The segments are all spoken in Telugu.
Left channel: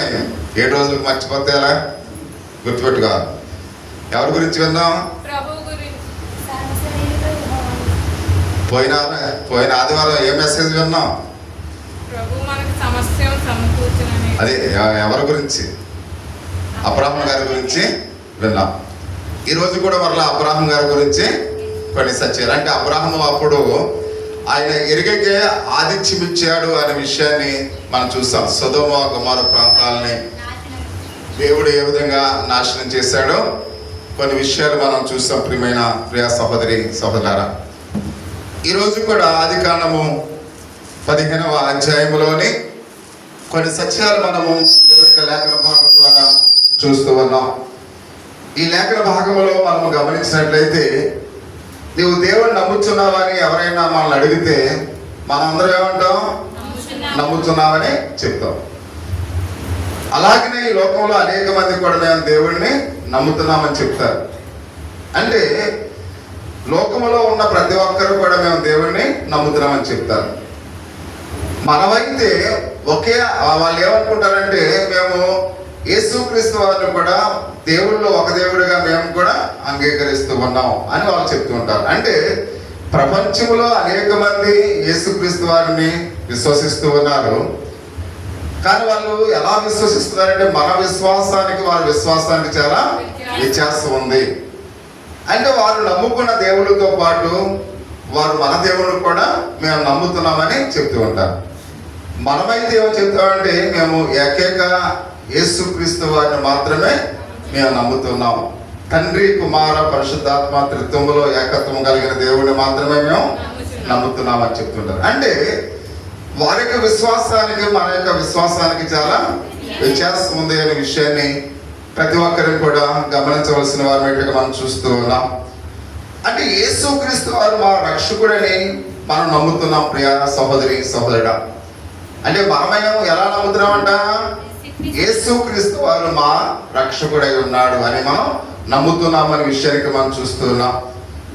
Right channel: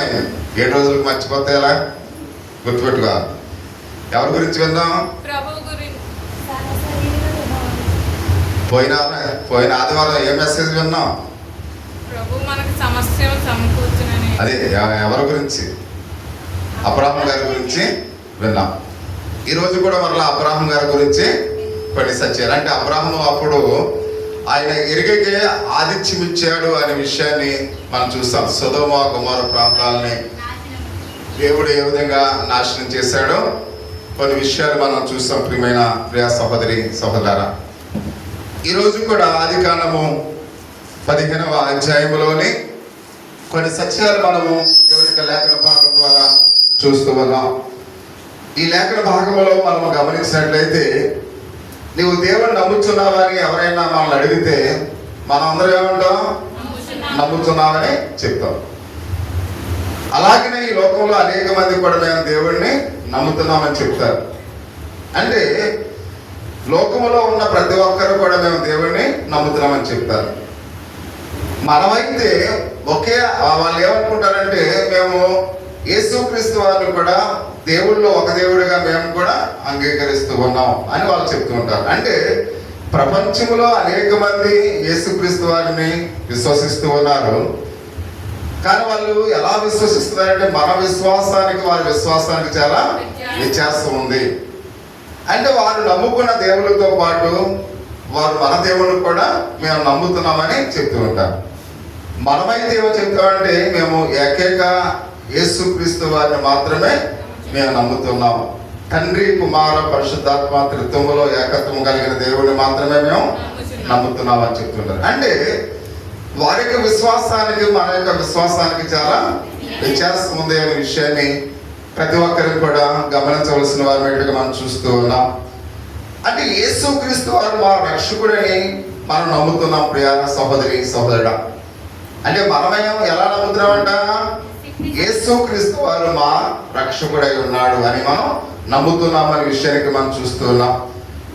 7 రోజులకు మర్చిపోతే ఎలా? గుర్తుపెట్టుకో. ఎవరి గురించి విన్నాం? పోయిన ఆదివారం ఏ మెసేజ్ విన్నాం? అదే ఎవరి గురించి? అబ్రాహాం గారి గురించి విన్నాం. ఈరోజు కూడా మరలా అబ్రాహాం గారి గురించి కొన్ని సత్యాలు. అంటే అబ్రాహాం అప్పుడు ఆయన ఎరిగకే ఆతిథ్యం ఇచ్చాడు అనే విషయాన్ని మనం చూసాం. సొదొమ గొమొర్ర ప్రాంతాలని దేవుడు ఏ విధంగా నాశనం చేశాడో కొన్ని విషయాలు మనం చూసాం. ప్రియ సహోదరి సహోదరులారా, ఈరోజు కూడా ఆదికాండము 15వ అధ్యాయంలోని కొన్ని సత్యాలు మనము దేవుని లేఖన భాగం ద్వారా చూస్తూ ఉన్నాం. ఈ లేఖన భాగంలో మనము గమనించినట్లయితే, నీవు దేవుని నమ్ముతున్నావా అని ఎవరైనా మనల్ని అడిగితే మనందరం ఏమంటాం? నమ్ముతున్నామని చెప్తాం. అలాగనే ఈ లోకంలో అనేక మంది కూడా మేము దేవుడిని నమ్ముతున్నామని చెప్తారు. అంటే లోకంలో ఉన్న ప్రతి ఒక్కరు కూడా మేము దేవుడిని నమ్ముతున్నామని చెప్తారు. మనమైతే వాళ్ళు ఏమనుకుంటారంటే, మేము యేసుక్రీస్తు వారిని కూడా దేవుళ్ళు ఒక దేవుడిగా మేము కూడా అంగీకరిస్తూ ఉన్నాం అని వాళ్ళు చెప్తూ ఉంటారు. అంటే ప్రపంచంలో అనేక మంది యేసుక్రీస్తు వారిని విశ్వసిస్తూ ఉన్నారు. కానీ వాళ్ళు ఎలా విశ్వసిస్తున్నారంటే, మన విశ్వాసానికి వారి విశ్వాసానికి చాలా వ్యత్యాసం ఉంది. అంటే వారు నమ్ముకున్న దేవుడితో పాటు వారు మన దేవుడు కూడా మేము నమ్ముతున్నామని చెప్తూ ఉంటారు. మనమైతే ఏమో చెప్తామంటే, మేము ఏకైక యేసుక్రీస్తు వారిని మాత్రమే మేము నమ్ముతున్నాము. తండ్రి కుమార పరిశుద్ధాత్మ త్రిత్వములో ఏకత్వం కలిగిన దేవుడిని మాత్రమే మేము నమ్ముతున్నామని చెప్తుంటారు. అంటే వారి యొక్క విశ్వాసానికి మన యొక్క విశ్వాసానికి చాలా వ్యత్యాసం ఉంది అనే విషయాన్ని ప్రతి ఒక్కరిని కూడా గమనించవలసిన వారిగా మనం చూస్తూ ఉన్నాం. అంటే యేసుక్రీస్తు వారు మా రక్షకుడని మనం నమ్ముతున్నాం. ప్రియ సహోదరి సహోదరుడా, అంటే మనమేమో ఎలా నమ్ముతున్నామంట? యేసుక్రీస్తు వారు మా రక్షకుడై ఉన్నాడు అని మనం నమ్ముతున్నామనే విషయానికి మనం చూస్తూ ఉన్నాం.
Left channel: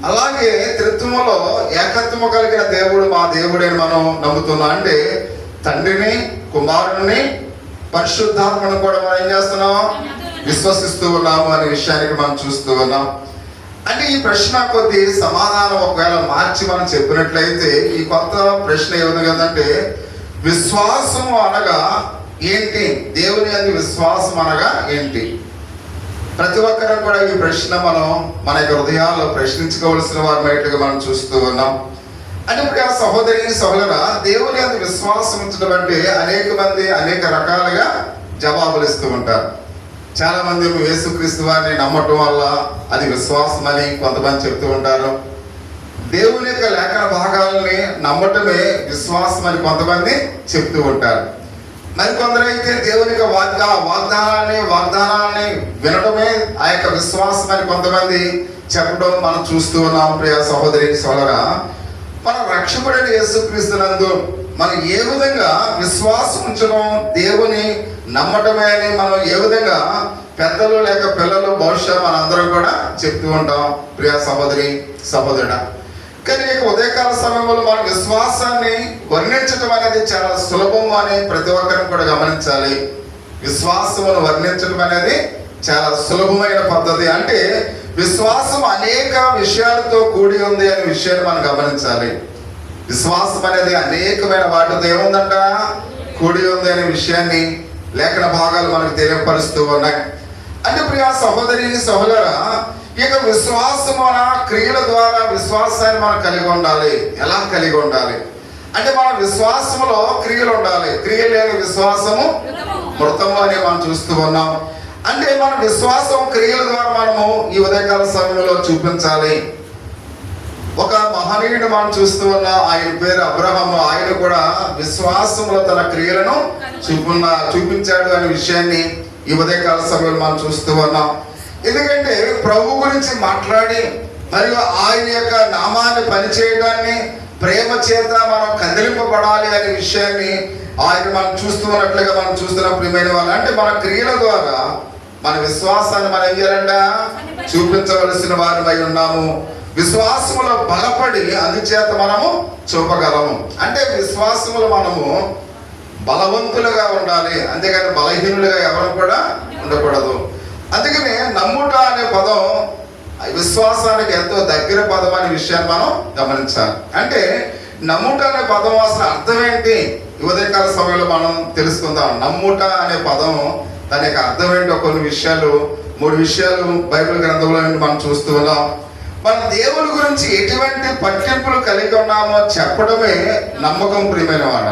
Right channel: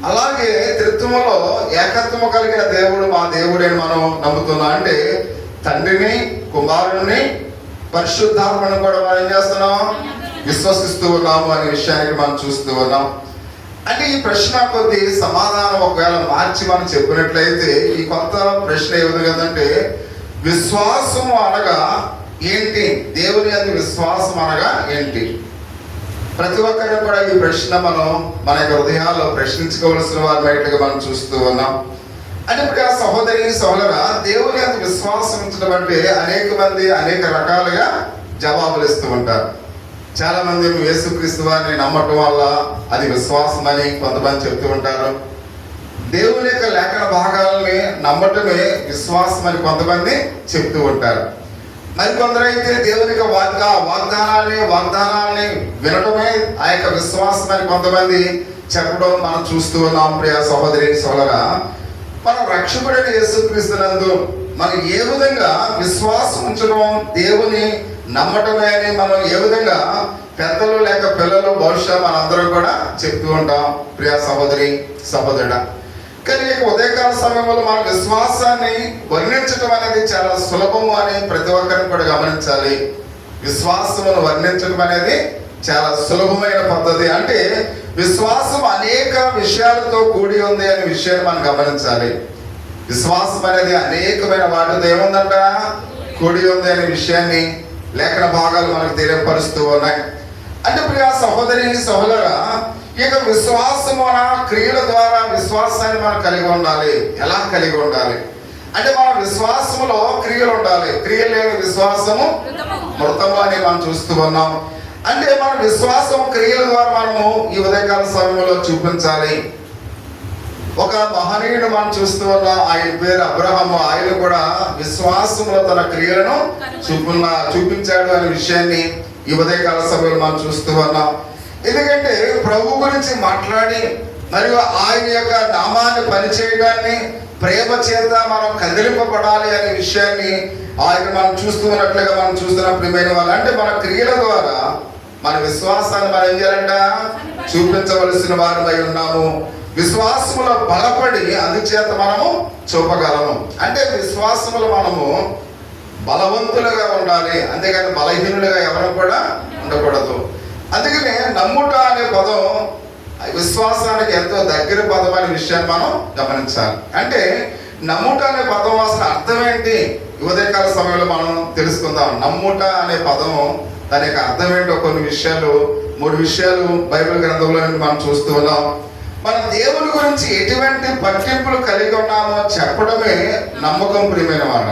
అలాగే త్రిత్వములో ఏకత్వము కలిగిన దేవుడు మా దేవుడని మనం నమ్ముతున్నాం. అంటే తండ్రిని, కుమారుని, పరిశుద్ధాత్మను కూడా మనం ఏం చేస్తున్నాం? విశ్వసిస్తూ ఉన్నాము అనే విషయానికి మనం చూస్తూ ఉన్నాం. అంటే ఈ ప్రశ్న కొద్ది సమాధానం ఒకవేళ మార్చి మనం చెప్పినట్లయితే, ఈ కొత్త ప్రశ్న ఏ విధంగా అంటే, విశ్వాసం అనగా ఏంటి? దేవుని యందు విశ్వాసం అనగా ఏంటి? ప్రతి ఒక్కరు కూడా ఈ ప్రశ్న మనం మన యొక్క హృదయాల్లో ప్రశ్నించుకోవలసిన వారి బయటగా మనం చూస్తూ ఉన్నాం. అంటే ఇప్పుడు ఆ సహోదరి సహోదరా, దేవుని యందు విశ్వాసం ఉంచడం అంటే అనేక మంది అనేక రకాలుగా జవాబులు ఇస్తూ ఉంటారు. చాలా మంది యేసుక్రీస్తు వారిని నమ్మటం వల్ల అది విశ్వాసం అని కొంతమంది చెప్తూ ఉంటారు. దేవుని యొక్క లేఖన భాగాలని నమ్మటమే విశ్వాసం అని కొంతమంది చెప్తూ ఉంటారు. మరి కొందరైతే దేవుని యొక్క వాగ్దానాన్ని వినటమే ఆ యొక్క విశ్వాసం అని కొంతమంది చెప్పడం మనం చూస్తూ ఉన్నాం. ప్రియ సహోదరి సోదరా, మన రక్షకుడైన యేసుక్రీస్తునందు మనం ఏ విధంగా విశ్వాసం ఉంచడం, దేవుని నమ్మటమే అని మనం ఏ విధంగా పెద్దలు లేక పిల్లలు బహుశా మనందరం కూడా చెప్తూ ఉంటాం. ప్రియ సహోదరి సహోదరుడా, కానీ ఉదయకాల సమయంలో మన విశ్వాసాన్ని వర్ణించడం అనేది చాలా సులభము అని ప్రతి ఒక్కరిని కూడా గమనించాలి. విశ్వాసమును వర్ణించడం అనేది చాలా సులభమైన పద్ధతి. అంటే విశ్వాసం అనేక విషయాలతో కూడి ఉంది అనే విషయాన్ని మనం గమనించాలి. విశ్వాసం అనేది అనేకమైన వాటితో ఏముందంట? కూడి ఉంది అనే విషయాన్ని లేఖన భాగాలు మనకు తెలియపరుస్తూ ఉన్నాయి. అంటే ప్రియ సహోదరి సహోదరా, ఇక విశ్వాసం మన క్రియల ద్వారా విశ్వాసాన్ని మనం కలిగి ఉండాలి. ఎలా కలిగి ఉండాలి అంటే, మన విశ్వాసములో క్రియలు ఉండాలి. క్రియలు లేని విశ్వాసము మృతము అని మనం చూస్తూ ఉన్నాం. అంటే మన విశ్వాసం క్రియల ద్వారా మనము ఈ ఉదయకాల సమయంలో చూపించాలి. ఒక మహనీయుడు మనం చూస్తూ ఉన్నాం. ఆయన పేరు అబ్రహాము. ఆయన కూడా విశ్వాసంలో తన క్రియలను చూపించాడు అనే విషయాన్ని ఈ ఉదయకాల సమయంలో మనం చూస్తూ ఉన్నాం. ఎందుకంటే ప్రభు గురించి మాట్లాడి మరియు ఆయన యొక్క నామాన్ని పనిచేయడాన్ని ప్రేమ చేత మనం కదిలింపబడాలి అనే విషయాన్ని ఆయన మనం చూస్తున్నట్లుగా మనం చూస్తున్న ప్రియమైన వాళ్ళు. అంటే మన క్రియల ద్వారా మన విశ్వాసాన్ని మనం ఏం చేయాలంట? చూపించవలసిన వారిపై ఉన్నాము. విశ్వాసములో బలపడి అందుచేత మనము చూపగలము. అంటే విశ్వాసములో మనము బలవంతులుగా ఉండాలి, అంతేగాని బలహీనులుగా ఎవరు కూడా ఉండకూడదు. అందుకనే నమ్ముట అనే పదం విశ్వాసానికి ఎంతో దగ్గర పదం అనే విషయాన్ని మనం గమనించాలి. అంటే నమ్ముట అనే పదం అసలు అర్థం ఏంటి? ఉదయకాల సమయంలో మనం తెలుసుకుందాం. నమ్ముట అనే పదం దాని యొక్క అర్థం ఏంటో కొన్ని విషయాలు, 3 విషయాలు బైబిల్ గ్రంథంలో మనం చూస్తూ ఉన్నాం. మనం దేవుని గురించి ఎటువంటి పట్టింపులు కలిగి ఉన్నామో చెప్పడమే నమ్మకం, ప్రియమైన వాడ.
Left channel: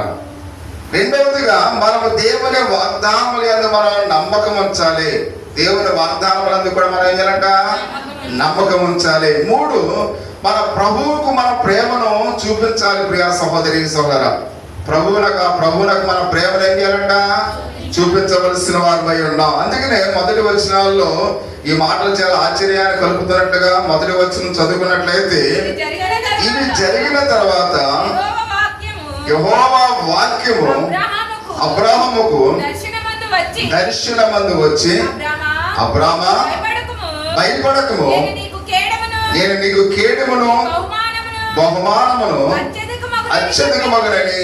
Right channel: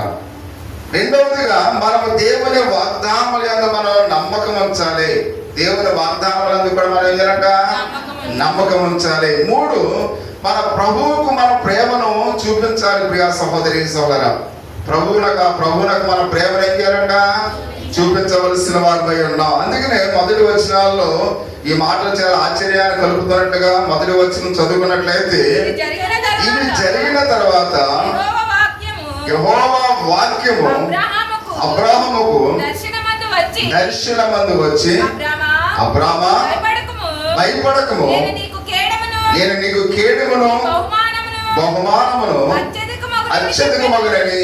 రెండవదిగా మనము దేవుని వాగ్దానములందు మనం నమ్మకం ఉంచాలి. దేవుని వాగ్దానములందు కూడా మనం ఏం చేయాలంట? నమ్మకం ఉంచాలి. 3, మన ప్రభువుకు మన ప్రేమను చూపించాలి. ప్రియా సహోదరి సహోదరా, ప్రభువునకు మన ప్రేమను ఏం చేయాలంట? చూపించవలసిన వారిపై ఉన్నాం. అందుకనే మొదటి వచనాల్లో ఈ మాటలు చాలా ఆశ్చర్యాన్ని కలుపుతున్నట్టుగా మొదటి వచనం చదువుకున్నట్లయితే, ఇవి జరిగిన తర్వాత యెహోవా వాక్యము అబ్రాహాముకు దర్శనమందు వచ్చి, అబ్రామా భయపడకము, నేను నీకు కేడమును బహుమానమును అత్యధికమగునని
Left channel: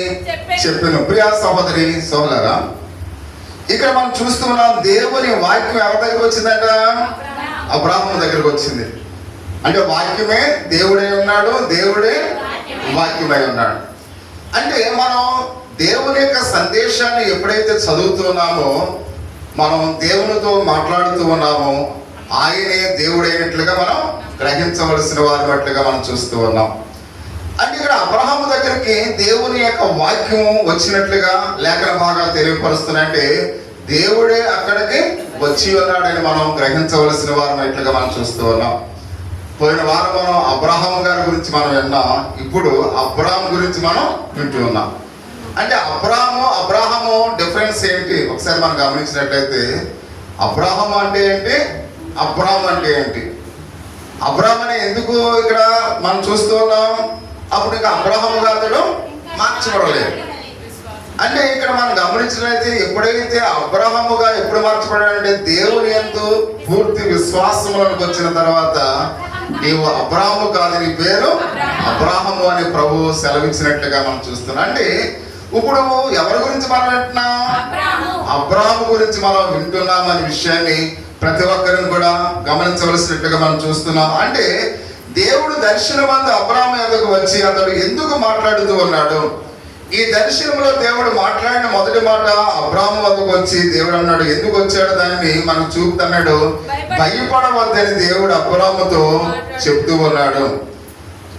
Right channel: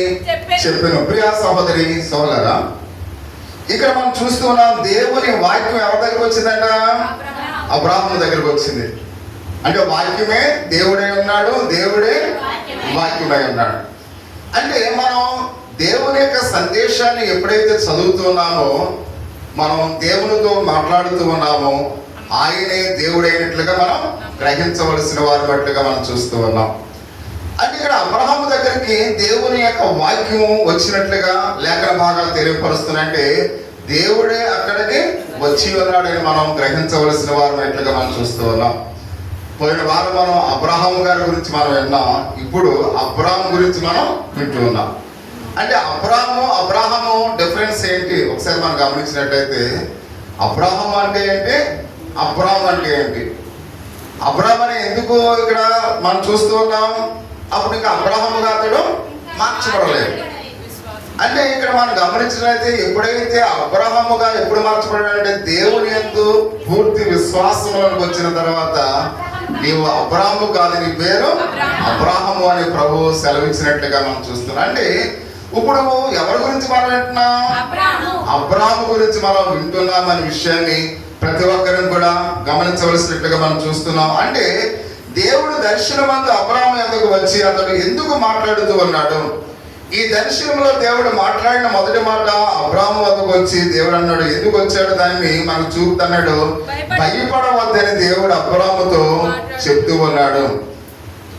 చెప్పాను. ప్రియా సహోదరి సోదరా, ఇక్కడ మనం చూస్తున్నాం దేవుని వాక్యం ఎవరి దగ్గరకు వచ్చిందంట? అబ్రాహాము దగ్గరకు వచ్చింది. అంటే వాక్యమే దేవుడే ఉన్నాడు, దేవుడే వాక్యమై ఉన్నాడు. అంటే మనం దేవుని యొక్క సందేశాన్ని ఎప్పుడైతే చదువుతున్నామో, మనం దేవునితో మాట్లాడుతూ ఉన్నామో, ఆయనే దేవుడైనట్లుగా మనం గ్రహించవలసిన వారి బట్లుగా మనం చూస్తూ ఉన్నాం. అంటే ఇక్కడ అబ్రహాము దగ్గరికి దేవుని యొక్క వాక్యం వచ్చినట్లుగా లేఖన భాగాలు తెలియపరుస్తున్నట్టే దేవుడే అక్కడికి వచ్చి ఉన్నాడని మనం గ్రహించవలసిన వారు ఎట్లుగా మనం చూస్తూ ఉన్నాం. పోయిన వారం మనం అబ్రహాము గారి గురించి మనం విన్నాం, ఇప్పుడు అబ్రాహాము గురించి మనం వింటూ ఉన్నాం. అంటే అబ్రాహాము డిఫరెన్స్ ఏంటి ఒకసారి మనం గమనించినట్లయితే, అబ్రాహాము అంటే ఏంటి, అబ్రాహాము అంటే ఏంటి? అబ్రాహాము అని ఎందుకు ఇక్కడ మనం చూస్తూ ఉన్నాం? అప్పుడు ఇంకా అబ్రాహాముగా అతడు మార్చబడలేదు. అంటే ఇక్కడ మనం గమనించినట్లయితే ఎప్పుడైతే అబ్రాహాముగా ఎప్పుడు మార్చబడాడంటే దేవుని యందు పూర్తి విశ్వాసంలోకి వచ్చిన తర్వాత, నీవు అబ్రాహాము కాదు, నీ పేరు అబ్రాహాము అని ప్రభువు సెలవిచ్చినట్లుగా మనం చూస్తున్నాం. అంటే ఇప్పుడు ఎవరి గురించి మనం వింటున్నాం? అబ్రాహాము గురించి మనం వింటున్నాం అనే విషయాన్ని ప్రతి ఒక్కరిని కూడా గమనించవలసినట్టుగా మనం చూస్తున్నాం. అంటే దేవుడు దర్శనమందు అబ్రాహాము యొద్దకు వచ్చి అతడు ఎందుకు మాట్లాడుతూ ఉన్నాడు? ఈ దర్శనంలో దేవుడు మాట్లాడిన మొదటి మాట అబ్రాహాము వద్దకు వచ్చి దేవుడు అన్నాడు, ఎందుకు వచ్చాడు దాన్ని మనకు చూపుతున్నాడు. భయపడవద్దని దేవుడు అబ్రాహాముతో చెప్తూ ఉన్నాడు.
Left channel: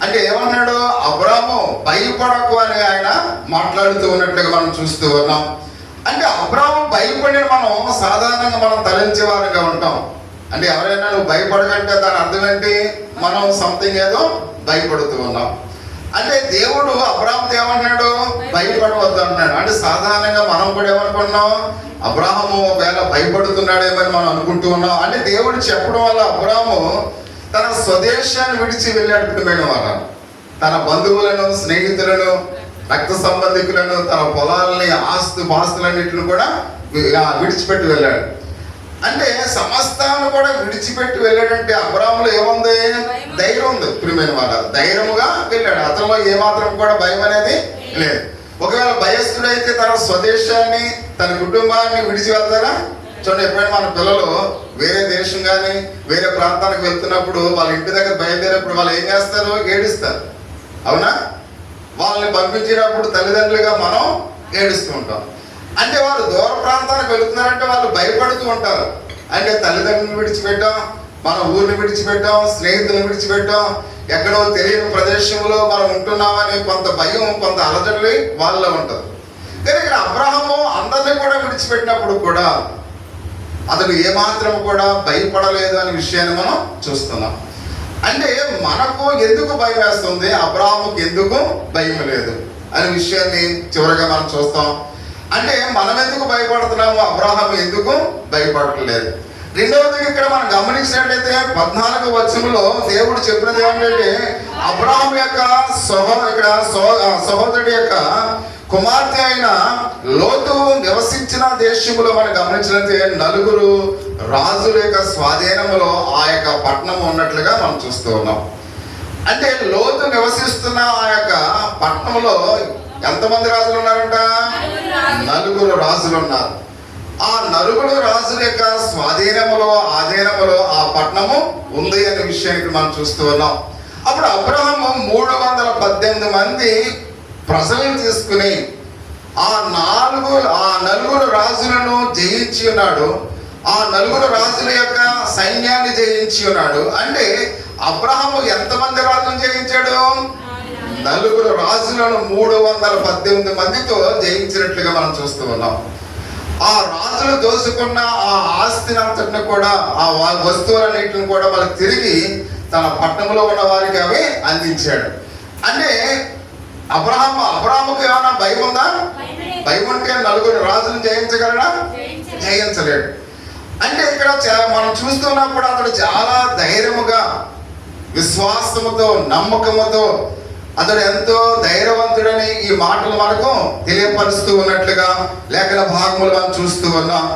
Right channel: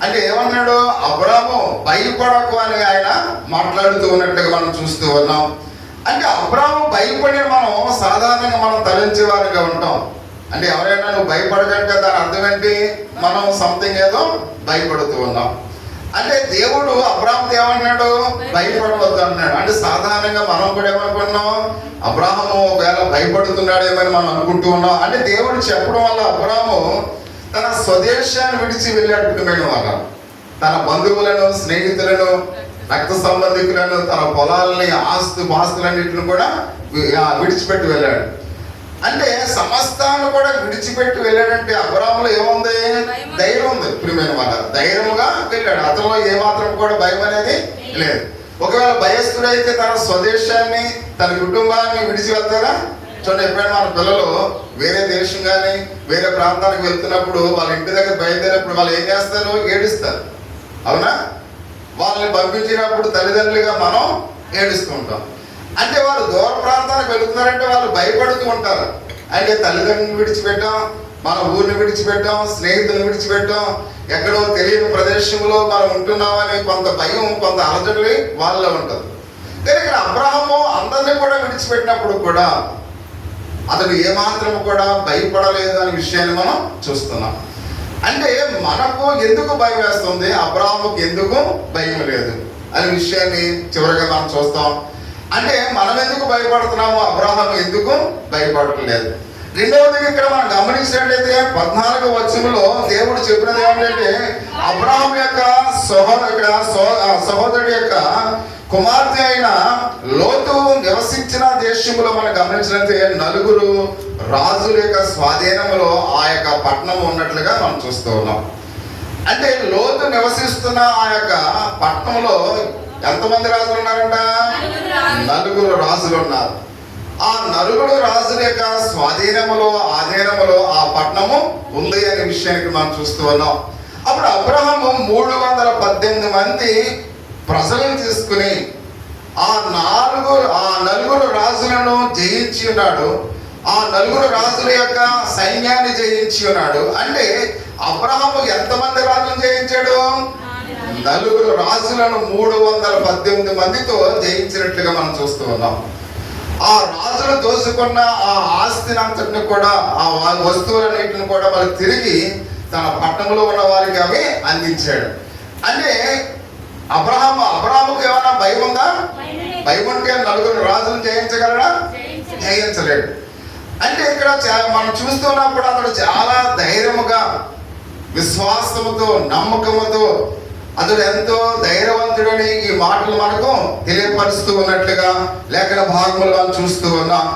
అంటే ఏమన్నాడు? అబ్రాహాము భయపడకు అని ఆయన మాట్లాడుతూ ఉన్నట్లుగా మనం చూస్తూ ఉన్నాం. అంటే అబ్రాహాము భయపడిన మనం సాధారణంగా మనం తలంచే వారిగా ఉంటాం. అంటే ఎవరైనా నువ్వు భయపడకంటే దాని అర్థం ఏంటి? మనం సంథింగ్ ఏదో భయపడుతూ ఉన్నాం. అంటే దేవుడు అబ్రాహాముతో ఏమన్నాడు? భయపడవద్దు అన్నాడు. అంటే సాధారణంగా మనం కూడా ఏమనుకున్నాం? అబ్రాహాము ఒకవేళ భయపడుతున్నాడేమని మనం అనుకుంటూ ఉన్నాం. అంటే దేవుడు చెప్పడం వల్ల అబ్రాహాము తన స్వదేశాన్ని విడిచి వెళ్ళాడు. వాళ్ళ తన బంధువులను, స్నేహితులను, రక్త సంబంధికులను, తన పొలాలని, పాస్తులన్నింటిని కూడా విడిచిపెట్టి వెళ్ళాడు. అంటే సమస్తాన్ని కూడా విడిచిపెట్టి వెళ్ళాడంటే అబ్రాహాములో ఏముంది? ధైర్యం ఉంది. ప్రియమైన వాళ్ళ ధైర్యంగా వెళ్ళాడు. అతనిలో ఏమాత్రం కూడా భయం అనేది లేదు. ఒకవేళ భయస్థుడైతే తన స్వదేశాన్ని, తన కుటుంబాన్ని విడిచి వెళ్తారా? చూడండి, ఎప్పుడైనా మన పిల్లలు వేరే దేశం కానీ వేరే ప్రాంతానికి వెళ్తున్నప్పుడు వాళ్ళ ఇంటి దగ్గర బయలుదేరేప్పుడు వాళ్ళు ఏం చేస్తారు? ఏడుస్తారు. అవునా? వాళ్ళని పంపించినప్పుడు తల్లిదండ్రులుగా మనం ఏడుస్తూ ఉంటాం. అంటే వాళ్ళు దూర ప్రాంతానికి వెళుతున్నారంటే వాళ్ళు భయపడుతూ ఉంటారు. అంటే తల్లిదండ్రులను విడిచిపెట్టాం, మన ఊరిని విడిచిపెట్టాం, స్నేహితులను విడిచిపెట్టాం, ఎక్కడో తెలియని ప్రదేశంలో మనం ఉంటున్నామని కొంత భయం, కొంత అలజడి వాళ్ళలో ఉంటుంది. కానీ ఇక్కడ అబ్రాహాము అందరినీ కూడా విడిచిపెట్టినప్పుడు కూడా అతడు ఏమాత్రం కూడా భయపడలేదు అనే విషయాన్ని మనం చూస్తున్నాం. అంటే మనకు ఎందుకు భయం వేస్తుంది, అబ్రాహాముకి ఎందుకు భయం లేదు అనే విషయాన్ని చివరిగా మనం చూస్తాం. అంటే మనం ఎందుకు భయపడుతున్నాము, అబ్రాహాము ఎందుకు భయపడట్లేదు? రెండవది ఇక్కడ మనం గమనించినట్లయితే 14వ వచనంలో దేవుడు చెప్పినది ఏమిటంటే, అబ్రాహాము యొక్క సహోదరుడి యొక్క కుమార్తె అయిన లోతు నివసించిన దేశంలో మనం గమనించినట్లయితే 4 రాజుల యొక్క స్వాధీనంలో ఆ యొక్క పట్టణం ఉన్నట్లుగా మనం చూస్తూ ఉన్నాం. అంటే లోతు నివసిస్తున్న ఆ యొక్క పట్టణంలో ఎంతమంది రాజులు ఉన్నారంట? నలుగురు రాజులు ఉన్నారు. ఆ నలుగురు రాజుల యొక్క స్వాధీనములో ఆధీనములో ఆ పట్టణము ఉంది అనే విషయానికి మనం చూస్తూ ఉన్నాం. అప్పుడు అబ్రహాము 318 మంది ప్రజలను తీసుకుని ఆ నలుగురు రాజులను జయించి ఉన్నాడు. ఆ నలుగురు రాజుల యొక్క సైన్యాన్ని జయించి ఉన్నాడు. అంటే అబ్రహాము ఎంతమంది రాజులను జయించాడు? నలుగురు రాజులను 318 మందితో జయించినట్లుగా మనం చూస్తూ ఉన్నాం. ఆ రాజులు దోచుకున్న ఆ ఆస్తిని అంతటిని కూడా, ఆ వస్తువులన్నింటిని కూడా వాళ్ళకి తిరిగి తన పట్టణంలో ఉన్న వారికి అవి అందించాడు. అంటే అబ్రహాముకు ఏమైనా భయం ఉందా? భయం ఉంటే నలుగురు రాజులను జయించగలడా? జయించలేడు. అంటే ఇక్కడ మనం చూస్తున్నప్పుడు అతడు చాలా ధైర్యముగా, విశ్వాసముతో, నమ్మకముతో అతడు ఎంతో ధైర్యవంతుడని ఈ మాటలు మనకు తెలియపరుస్తూ ఉన్నట్లుగా లేఖన భాగములు మనం చూస్తూ ఉన్నాం.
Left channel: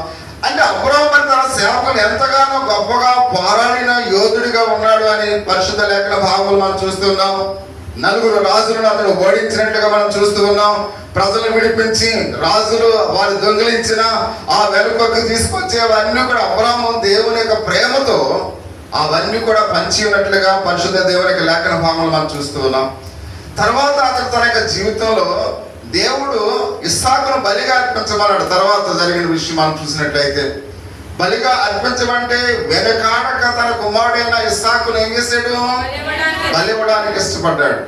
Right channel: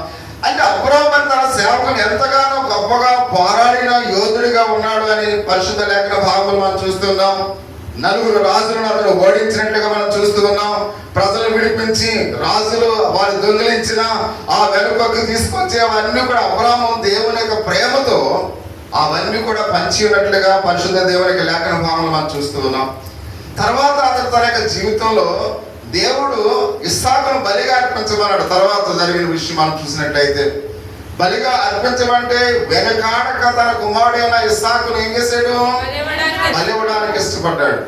అంటే అబ్రహాము తన సేవకుని ఎంతగానో గొప్పగా పోరాడిన యోధుడిగా ఉన్నాడు అని పరిశుద్ధ లేఖన భాగములు మనం చూస్తున్నాం. నలుగురు రాజులను అతను ఓడించినట్లుగా మనం చూస్తూ ఉన్నాం. ప్రజలు విడిపించి రాజులు వారు దొంగిలించిన ఆ వెనుకకు తీసుకొచ్చి అవన్నీ కూడా అబ్రహాము దేవుని యొక్క ప్రేమతో అవన్నీ కూడా పంచి ఉన్నట్లుగా పరిశుద్ధ దేవుని లేఖన భాగములు మనం చూస్తూ ఉన్నాం. తర్వాత అతను తన యొక్క జీవితంలో దేవుడు ఇస్సాకును బలిగా అర్పించమన్నాడు. తర్వాత జరిగిన విషయం మనం చూసినట్లయితే బలిగా అర్పించమంటే వెనకాడక తన కుమారుడైన ఇస్సాకును ఏం చేశాడు? బలివ్వడానికి ఇష్టపడ్డాడు.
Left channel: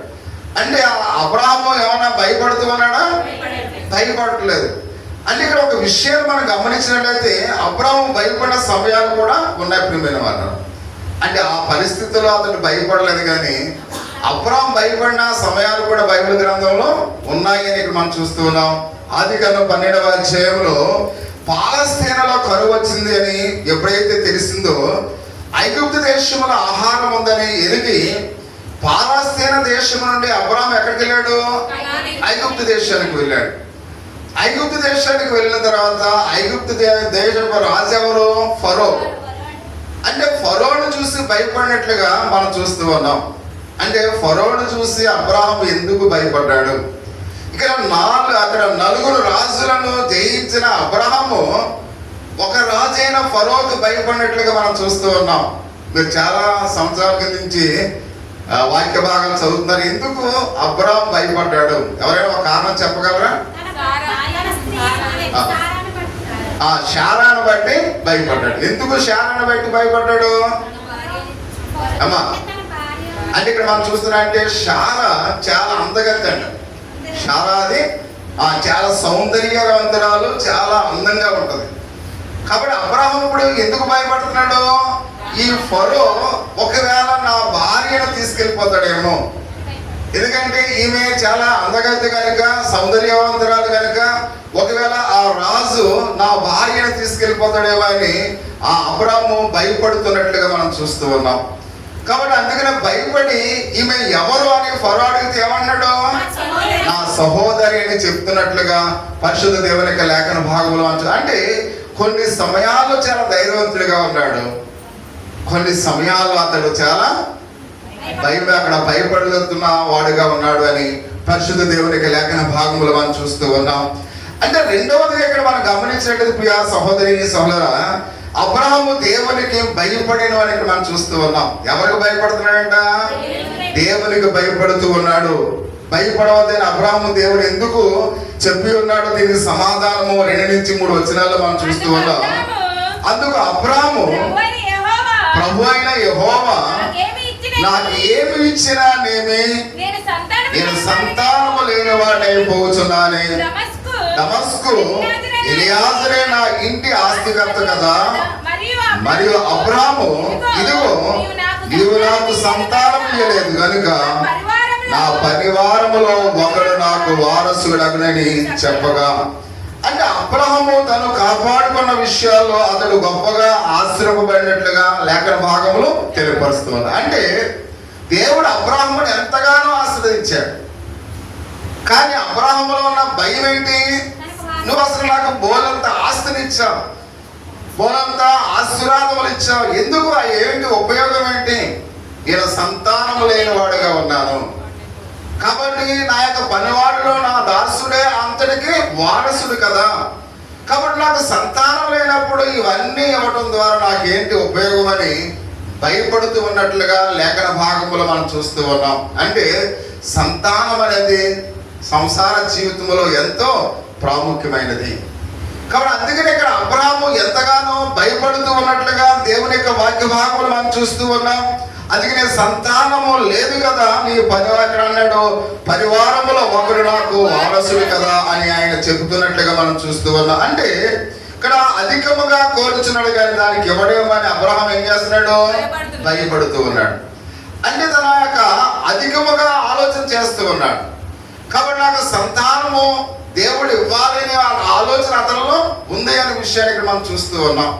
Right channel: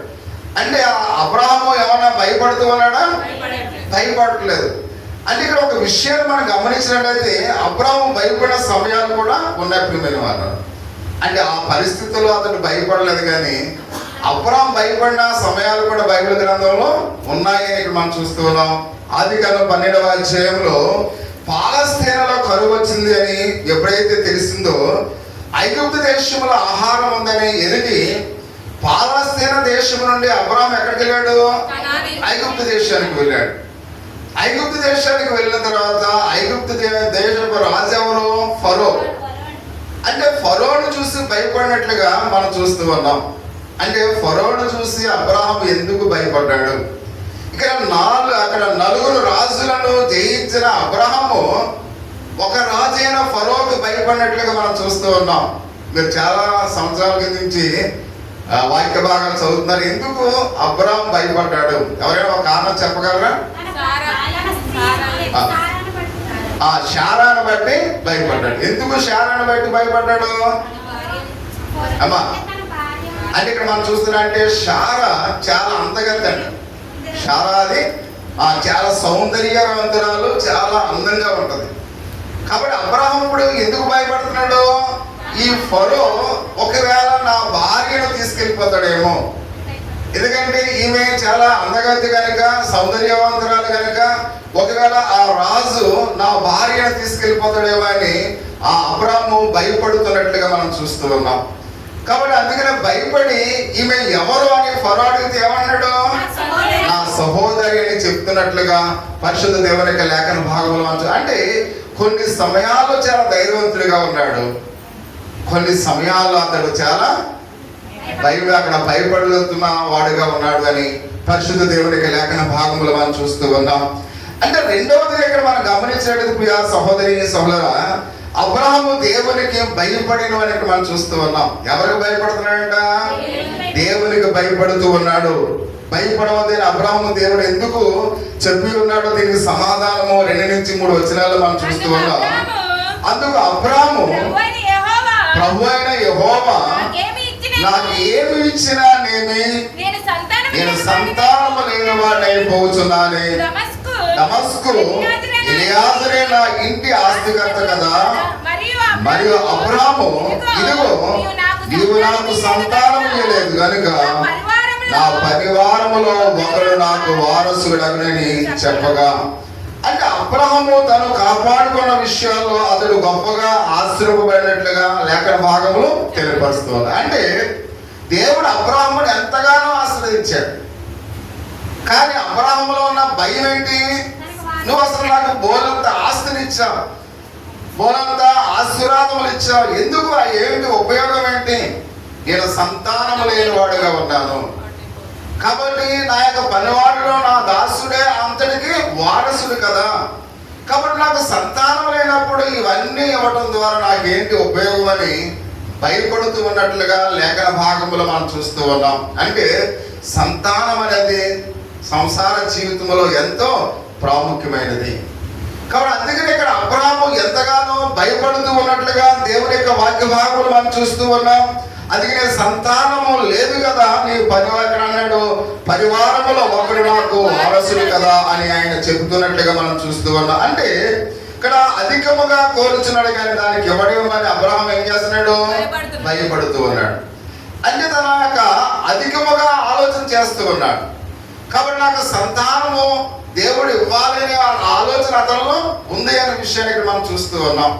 అంటే అబ్రహాము ఏమన్నా భయపడుతూ ఉన్నాడా? భయపడట్లేదు. అంటే ఇక్కడ ఒక విషయం మనం గమనించినట్లయితే అబ్రహాము భయపడిన సమయాలు కూడా ఉన్నాయి ప్రియమైన వారు. అంటే ఆ పరిస్థితుల్లో అతను భయపడలేదు, కానీ అబ్రహాము భయపడిన సమయాలు కూడా బైబిల్ గ్రంథంలో ఉన్నాయి అని ఇక్కడ మనం చూస్తూ ఉన్నాం. ఆదికాండం 12వ అధ్యాయంలో పాలస్తీనాలో కరువు వచ్చింది అని ఎప్పుడైతే తెలిసిందో, ఐగుప్తు దేశంలో ఆహారం ఉందని ఎరిగి పాలస్తీన దేశం నుండి అబ్రహాము ఎక్కడికి వెళ్ళాడు? ఐగుప్తు దేశానికి వెళ్ళాడు. ఐగుప్తు దేశానికి వెళ్ళిన తర్వాత ఐగుప్తు దేశపు రాజు ఎవరు? ఫరో. అంటే ఫరోను చూసి భయపడినట్లుగా మనం చూస్తూ ఉన్నాం. అంటే ఫరోను చూసి అబ్రహాము ఎందుకు భయపడ్డాడు? అక్కడ నలుగురు రాజులను జయించిన అబ్రహాము ఒక రాజైన ఫరోకి భయపడినట్లుగా మనం చూస్తూ ఉన్నాం. మీరు చాలా సంవత్సరాల కింద నుంచి వాక్య భాగాలు చదువుతున్నారు. ఎందుకు అబ్రహాము భయపడ్డాడు? ఎవరైనా ఒక కారణం చెప్పగలరా? శారాను బట్టి భయపడ్డాడు. ఎందుకు శారాను బట్టి భయపడ్డాడు అమ్మా? అంటే ఇక్కడ మనం చూస్తున్నా అంటే శారా చాలా అందగత్త అండి. శారా అది చాలా సౌందర్యవంతురాలు, చాలా అందంగా ఉంటది. కాబట్టి అబ్రహాము ఇప్పుడు ఎందుకు భయపడుతున్నాడు? ఈ ఫరో ఒకవేళ నా భార్యను తీసుకెళ్ళిపోతాడేమో, ఎందుకంటే ఈమె చాలా అందగత్త కనుక, సౌందర్యవంతురాలు కనుక, ఒకవేళ ఆ రాజు నా భార్యను తీసుకెళ్ళిపోతాడేమో అని ఆ అబ్రహాము భయపడుతున్నట్లుగా మనం చూస్తూ ఉన్నాం. కాబట్టి అందుకనే భయపడి ఈమె ఎవరు అని ఫరో అడిగితే ఏమన్నాడు? నా సహోదరి అని చెప్తున్నట్లుగా పరిశుద్ధ దేవుని యొక్క లేఖన భాగంలో అంటే కొన్ని సమయాల్లో చాలా ధైర్యవంతుడిగా ఉన్నాడు, కొన్ని సమయాల్లో అతడు చాలా అక్కడ భయపడుతున్న వాడుగా ఉన్నాడు అని పరిశుద్ధ దేవుని యొక్క లేఖన భాగంలో మనం చూస్తూ ఉన్నాం. అంటే రెండవదిగా ఇక్కడ మనం గమనించినట్టు ప్రియ సహోదరి సహోదరా, అబ్రహాము దేవునికి భయపడిన అని ఇక్కడ మనం చూస్తూ ఉన్నాం. ఎవరికి భయపడుతున్నాడంట? దేవునికి భయపడుతూ ఉన్నాడు. భయపడవద్దని అబ్రహాము దేవుడు ఎందుకు చెప్పి ఉన్నాడో దీనికి సమాధానము 2 నుంచి 3 వచనాల్లో మనం చూస్తూ ఉన్నాం. అందుకు అబ్రహాము ప్రభు అయిన యెహోవా నాకు ఏమి ఇచ్చినా నేను సంతానము లేని వాడైపోతున్నానే. దమస్కు ఎలియాజరే నా ఇంటి ఆస్తికర్త కదా. మరియు అబ్రహాము ఇదిగో నీవు నాకు సంతానం ఇవ్వలేదు కనుక నా పరివారములో ఒకడు నాకు వారసుడగునని చెప్పగా, అంటే అబ్రహాము తను కాపాడుకున్న విషయాల్లో అతడు గొప్పగా ఆశ్రయపడినట్లుగా లేఖన భాగంలో తెలియపరుస్తుంది. అంటే దేవుడు అబ్రహాముని ఎంతగానో ఆశీర్వదించాడు. కానీ అబ్రహాములో ఉన్న భయం ఏంటి? నువ్వు అసలు నాకు బోలంత ఆస్తిని ఇచ్చావు, బోలంత ఆశీర్వాదములు ఇచ్చావు, ఎందుకు ఏంటి ఉపయోగం ఏంటి? నేను సంతానము లేని వాడుగా ఉన్నాను. కాబట్టి నా యొక్క పనివాడిలో నా దాసుడే అంతటికి వారసుడు కదా. కాబట్టి నాకు సంతానం లేనప్పుడు ఇవన్నీ ఇవ్వడం ద్వారా నాకేంటి ఉపయోగం అని భయపడుతూ ఉన్నట్లుగా లేఖన భాగంలో మనం చూస్తూ ఉన్నాం. అంటే సంతానం అనేది సంసార జీవితంలో ఎంతో ప్రాముఖ్యమైనది. కాబట్టి అందుకని ఇక్కడ అబ్రాహాము ఎంతగానో భయపడుతూ ఉన్నట్లుగా దేవుని యొక్క వాక్య భాగంలో మనం చూస్తూ ఉన్నాం. అందుకనే సంతానము లేదు కదా, నీవు పరివారం అన్నాడు, పరివారములో ఒకరు నాకు వారసుడు కదా అని ఆయన చెబుతున్నట్లుగా మనం చూస్తూ ఉన్నాం. అంటే ఇక్కడ అధికముగా కోరుచున్నాడు కానీ దానికి ఇవ్వడమని అబ్రహాం ఏం చేస్తున్నాడు? భయపడుతూ ఉన్నాడు. అంటే తన యొక్క అధికముగా ఆలోచన చేస్తూ ఉన్నాడు. కాబట్టి నాకు సంతానము దేవుడు ఇవ్వాలనే ఆలోచన అతనిలో ఉంది అనే విషయాన్ని ఇక్కడ మనం చూస్తూ ఉన్నాం.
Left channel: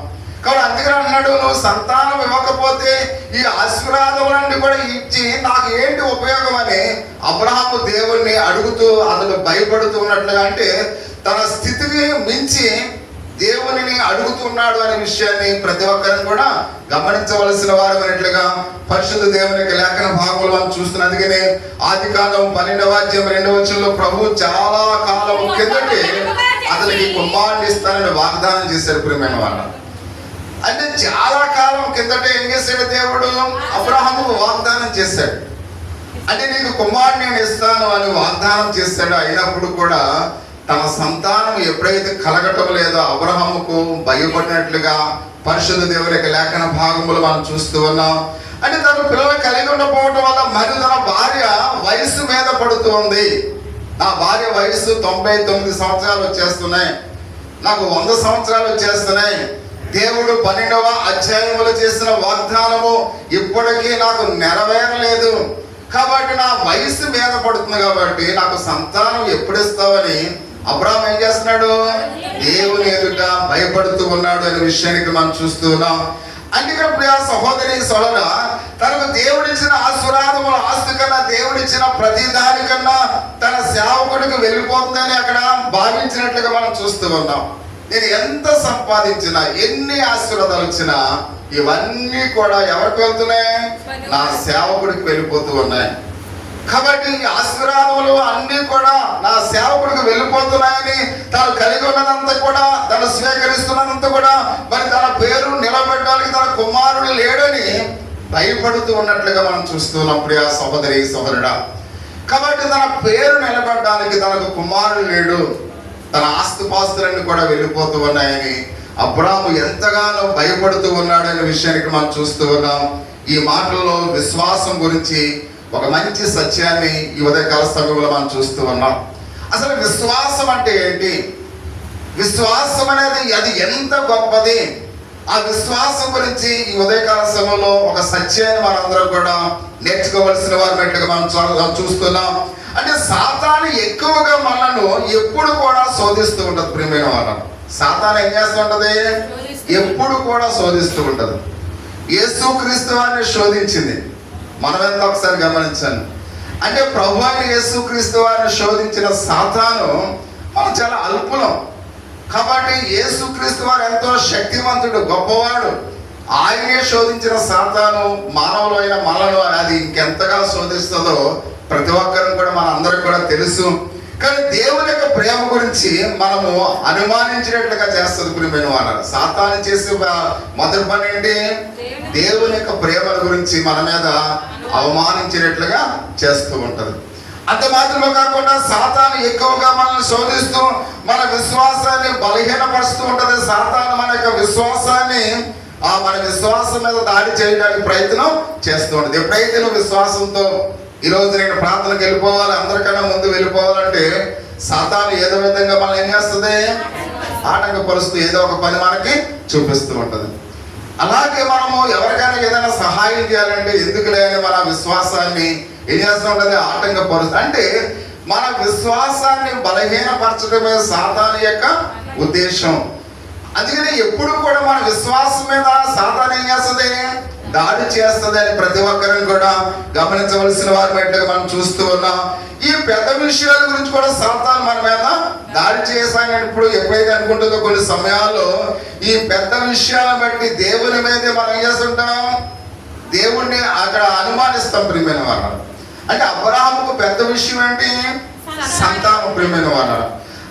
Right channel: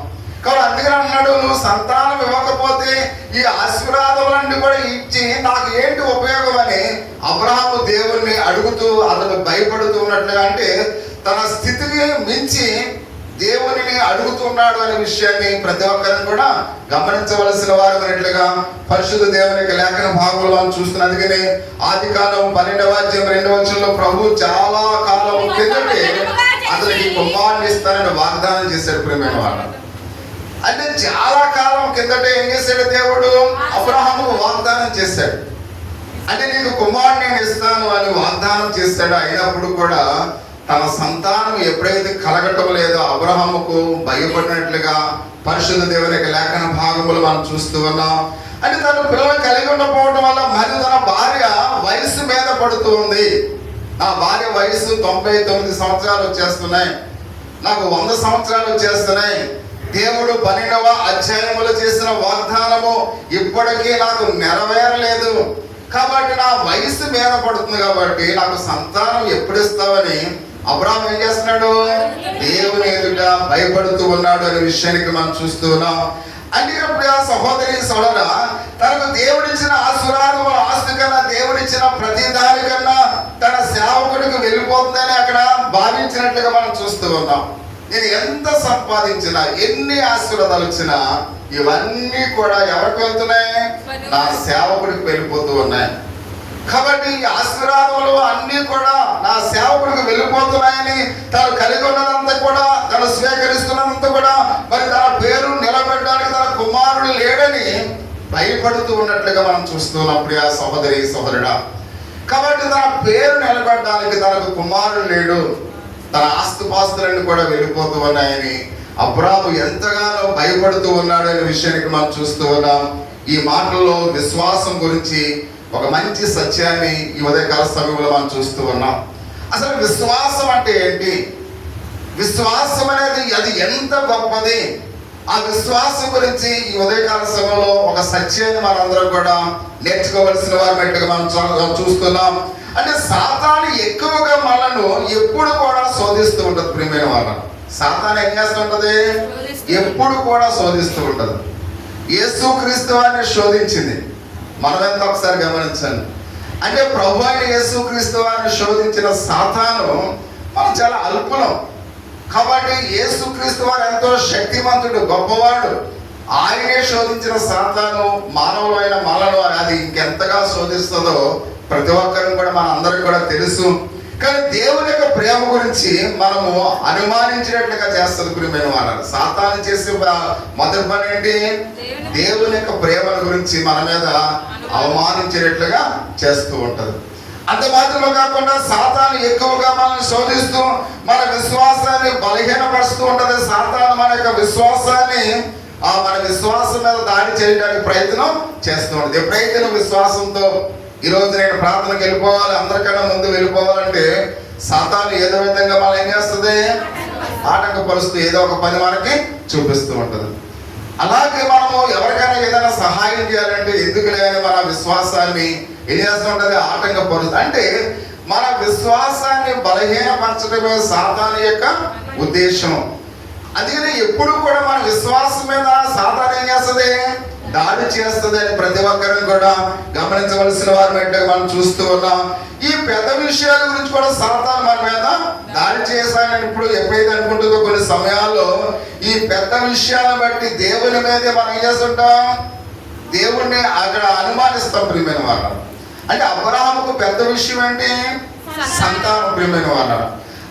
కాబట్టి అందుకని అన్నాడు, నువ్వు సంతానం ఇవ్వకపోతే ఈ ఆశీర్వాదములన్నీ కూడా ఇచ్చి నాకు ఏంటి ఉపయోగం అని అబ్రహాము దేవుణ్ణి అడుగుతూ అతను భయపడుతూ ఉన్నట్లుగా, అంటే తన స్థితిని మించి దేవునిని అడుగుతున్నాడు అనే విషయాన్ని ప్రతి ఒక్కరిని కూడా గమనించవలసిన వారు అన్నట్లుగా పరిశుద్ధ దేవుని యొక్క లేఖన భాగంలో మనం చూస్తున్న. అందుకని ఆదికాండం 12వ అధ్యాయం 2వ వచనంలో ప్రభు చాలా కాలం కిందటే అతనికి కుమారుని ఇస్తానని వాగ్దానం చేశాడు. ప్రియమైన వాళ్ళ, అంటే చాలా కాలం కిందటే ఏం చేశాడు దేవుడు? అబ్రహాము వాగ్దానం చేశాడు. అంటే నీకు కుమారుని నేను ఇస్తాను అని వాగ్దానం చేశాడు. అయినప్పుడు కూడా తన సంతానం ఎప్పుడైతే కలగటం లేదో అబ్రహాముకు భయపడినట్లుగా పరిశుద్ధ దేవుని యొక్క లేఖన భాగములు మనం చూస్తూ ఉన్నాం. అంటే తన పిల్లలు కలిగి ఉండకపోవడం వల్ల మరి తన భార్య వయసు మీద పడుతూ ఉంది. నా భార్య వయసు 99 సంవత్సరాలు వచ్చేస్తున్నాయి, నాకు 100 సంవత్సరాలు వచ్చేస్తున్నాయి. దేవుడు 12వ అధ్యాయములో చేసిన వాగ్దానము ఇప్పటికీ నాకు నెరవేరలేదు. కాబట్టి నా వయసు మీద పడుతుంది, కాబట్టి నాకు సంతానం ఎప్పుడు ఇస్తావని అబ్రహాం ఏం చేస్తున్నాడు? దేవుని ఎదుట భయపడుతూ ఉన్నాడు అనే విషయానికి మనం చూస్తూ ఉన్నాం. అందుకని ప్రియ సహోదరి సోదర, తనకు దేవుడిచ్చిన ఆశీర్వాదములు ఆస్తి కన్నా దేవుడిచ్చిన ప్రతి దాని కన్నా తన సేవకుడికి వెళ్ళిపోతుందని అక్కడ భావించినట్లుగా మనం చూస్తూ ఉన్నాం. నేను ఎంత సంపాదించినా, ఎన్ని ఆశీర్వాదాలు వచ్చినా ఇవన్నీ కూడా ఎవరికి వెళ్తున్నాయి? నా సేవకుడికి వెళ్ళిపోతూ ఉన్నాయి. కాబట్టి ఈ ఆశీర్వాదములు అన్ని కూడా నా సేవకుడికి వెళ్ళిపోతున్నాయని తను కలిగి ఉన్నదంతా కూడా, తను స్వీకరిస్తున్నదంతా కూడా మరి తన పేరు నిలబెట్టడానికి తన కుమారుడు లేడని భయపడుతూ ఉన్నట్లుగా మనం చూస్తున్నప్పుడు ఆ సహోదరి సహోదరుడా. కాబట్టి తన పేరు నిలబెట్టడానికి తనకు కుమారుడు లేడు, తన ఆస్తిపాస్తులన్నీ కూడా వెళ్ళిపోతూ ఉన్నాయని అబ్రాహాము ఎంతగానో భయపడుతూ ఉన్నాడు అనే విషయానికి మనం చూస్తూ ఉన్నాం. ఈ మాటల్లో విశ్వాసం గురించి ఒక మంచి సత్యాన్ని ఈ ఉదయకాల సమయంలో మనం చూస్తూ ఉన్నాం. అసలు విశ్వాసం అంటే ఏంటి? విశ్వాసం అనేది అది ఎంత గొప్పది? ఆ విశ్వాసం గురించి ఈ ఉదయకాల సమయంలో ఒక సత్యాన్ని మనందరం కూడా నేర్చుకోవలసిన వారు బయటగా మనం చూస్తున్నాం. అంటే సాతాను ఎక్కువగా మనను ఎప్పుడు కూడా శోధిస్తూ ఉంటుంది. ప్రియమైన వాళ్ళను సాతాను ఏం చేస్తూ ఉంటది? ఎప్పుడు కూడా శోధిస్తూ ఉంటది. యేసుక్రీస్తు వారిని శోధించింది. మనం ఎంత ఒకసారి గమనించండి. అంటే ప్రభు అయిన యేసుక్రీస్తు వారిని శోధించిన సాతాను మనం చాలా అల్పులం. కాబట్టి యేసుక్రీస్తు వారు ఎంతో శక్తివంతుడు, గొప్పవాడు. ఆయనే శోధించిన సాతాను మానవులైన మనను అది ఇంకెంతగా శోధిస్తుందో ప్రతి ఒక్కరం కూడా మన అందరికి కూడా తెలుసు. కానీ దేవుని యొక్క ప్రేమ గురించి మనము అనుమానించినట్లుగా చేస్తుంది. ప్రియమైన వాళ్ళ సాతాను చేసే మొదటి పని ఏంటి? దేవుని యొక్క ప్రేమ గురించి మన మీద అవమానించినట్లుగా చేస్తూ ఉంటది. అంత మాత్రమే కాకుండా సాతాను ఎక్కువగా మనల్ని శోధిస్తూ మన విశ్వాసాన్ని బలహీనపరుస్తూ ఉంటది. సాతాను మన యొక్క విశ్వాసాన్ని మన విశ్వాసం మీద దాడి చేయడానికి ప్రయత్నం చేస్తూ ఉంటది. ఎప్పుడైతే నువ్వు విశ్వాసంతో ఈరోజు నేను ప్రార్థనకు వెళ్ళిపోవాలి, అందరికన్నా ముందు వెళ్ళిపోవాలంటే సాతాను ఏదో విధంగా మనం ఏం చేస్తుంది? ఆటంకపరుస్తూ ఏదో ఒక పని మనకి చూపిస్తూ ఉంటది. అలాగే మనము ఎవరికైనా ఏదైనా సహాయం చేయాలంటే ఎందుకు లేని మన విశ్వాసాన్ని ఏం చేస్తూ ఉంటుంది? ఆటంకపరుస్తుంది. అంటే మన విశ్వాసాన్ని బలహీనపరచడమే సాతాను యొక్క ఉద్దేశం. అందుకని ఎప్పుడు కూడా మన విశ్వాసం మీద సాతాను ఏం చేస్తుంది? దాడి చేస్తుంది అని ప్రతి ఒక్కరిని కూడా గమనించవలసిన వారు బయట మనం చూస్తూ ఉన్నాం. ఈ పెద్ద విషయాల గురించి కూడా సాతాను మన మీద దాడి చేశానని ఇప్పుడు ఎప్పుడైతే అనుకుంటుందో కొన్ని సమయాల్లో ఈ పెద్ద విషయాలను బట్టి దేవుని మీదే మనం ఏం చేస్తుంటాం? దేవుణ్ణి అక్కడ అనుమానిస్తాం. ప్రియమైన వాళ్ళు అంటే అబ్రహాముకు పెద్ద విషయం అంటే సంతానం, ప్రియమైన వారు.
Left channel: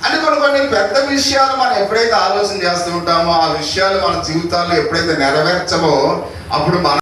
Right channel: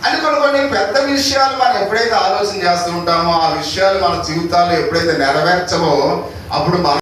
అంటే కొన్ని పెద్ద విషయాలు మనం ఎప్పుడైతే ఆలోచన చేస్తూ ఉంటామో, ఆ విషయాలు మన జీవితాల్లో ఎప్పుడైతే నెరవేర్చమో అప్పుడు మన